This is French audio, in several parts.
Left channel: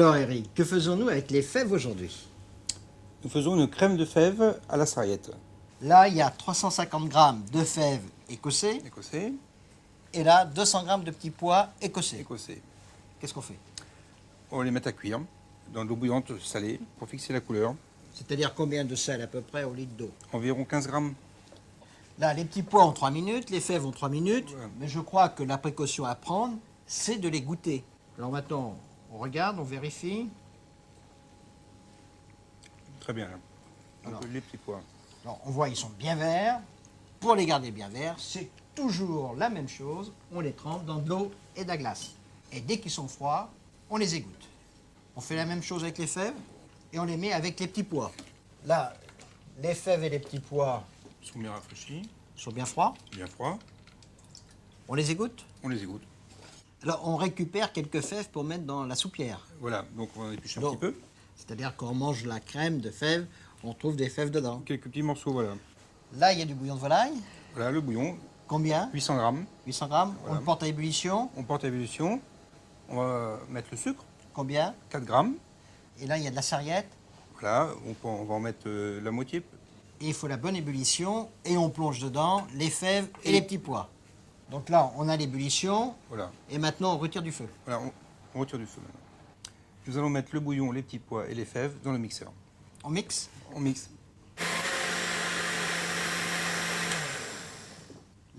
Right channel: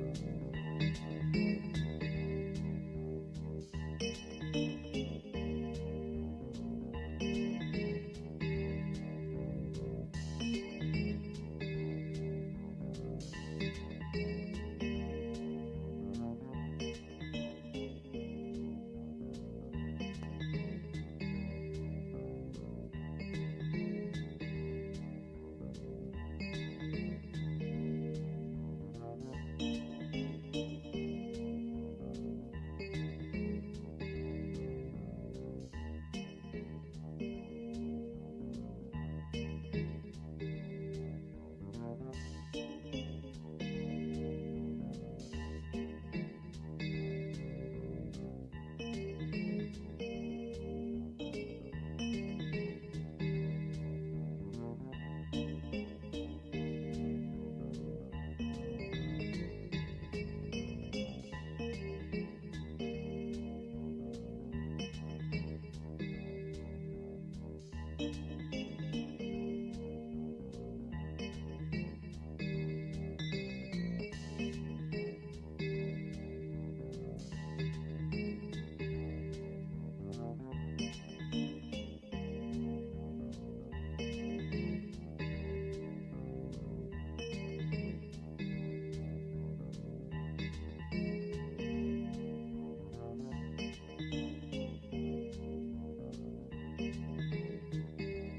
Alors Eric, que faisons-nous avec les fèves aujourd'hui? Nous faisons une crème de fèves à la sarriette. Là, il y a 350 grammes de fèves écossais Écossais, et là, 200 grammes de petits pois écossais. écossais. Qu'est-ce qu'on fait? On va les mettre à cuire dans de l'eau bouillante salée pour fixer la couleur. C'est-à-dire combien de sel à peu près au litre d'eau? Environ 15 grammes. Là, les petits pois ont 3 minutes, les fèves ont 3 minutes, Voilà. mais je crois que la précaution à prendre, c'est de les goûter. Alors maintenant, on regarde, on vérifie. Très bien. Alors, Les petits pois. alors, on voit ils sont bien verts. Pour les garder bien verts, c'est toujours la même chose. On les trempe dans de l'eau et de la glace. Et dès qu'ils sont froids, on les égoutte. On fait la même chose avec les fèves et on les met avec les petits pois. Là, les fèves et les petits pois Ils sont bien rafraîchis, sont bien froids. bien froids. On les égoutte. On les égoutte. Là, on récupère quelques fèves pour mettre dans la soupière. Voilà, donc on en épluche un Donc, petit peu. c'est-à-dire qu'on mange la crème de fèves, on trouve des fèves dedans. Quelques petits morceaux, voilà. Là, il y a du bouillon de volaille. Voilà le bouillon, Combien? 800 grammes. 800 grammes. On Voilà. le porte à ébullition. On porte à ébullition. On va mettre le sucre, Combien? 4 grammes. Et là, il y a de la sarriette. Voilà, on va en mettre la moitié. Et il faut la bonne ébullition. Et on plonge dedans les fèves et les petits pois. Donc là, on a l'ébullition. Voilà, Et maintenant, on retire du feu. voilà on retire du feu. Nous allons mettre le bouillon, les petits pois et les fèves dans le mixeur. On mixe. On mixe.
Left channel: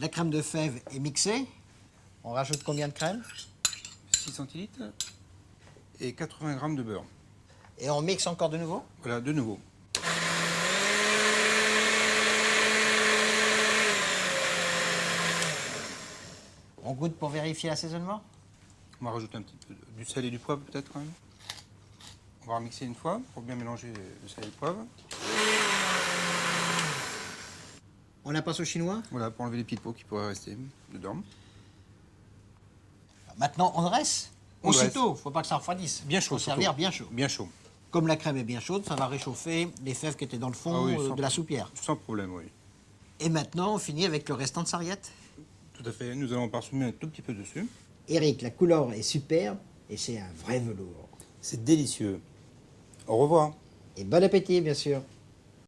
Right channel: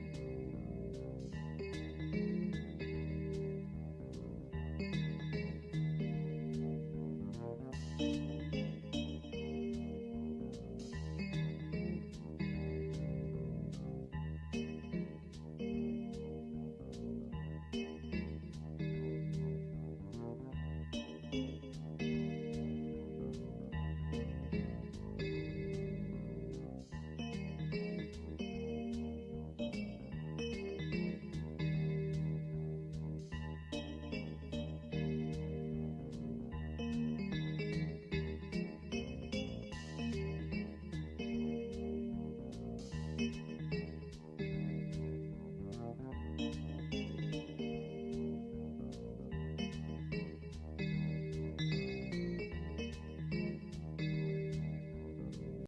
La crème de fèves est mixée. On rajoute combien de crème? 6 centilitres et 80 grammes de beurre. Et on mixe encore de nouveau. Voilà, de nouveau. On goûte pour vérifier l'assaisonnement. On va rajouter un petit peu du sel et du poivre peut-être quand même. On va remixer une fois pour bien mélanger le sel et le poivre. On la passe au chinois. Voilà, pour enlever les petites peaux qui pourraient rester dedans. Maintenant, on dresse. On dresse. Aussitôt, faut pas que ça refroidisse. Bien chaud, Faut servir surtout. bien chaud. Bien chaud. Comme la crème est bien chaude, ça va réchauffer les fèves qui étaient dans le fond Ah oui, sans- de la soupière. Sans problème, oui. Et maintenant, on finit avec le restant de sarriette. Tout à fait. Nous allons parsemer un tout petit peu dessus. Eric, la couleur est superbe et c'est un vrai velours. C'est délicieux. Au revoir. Et bon appétit, bien sûr.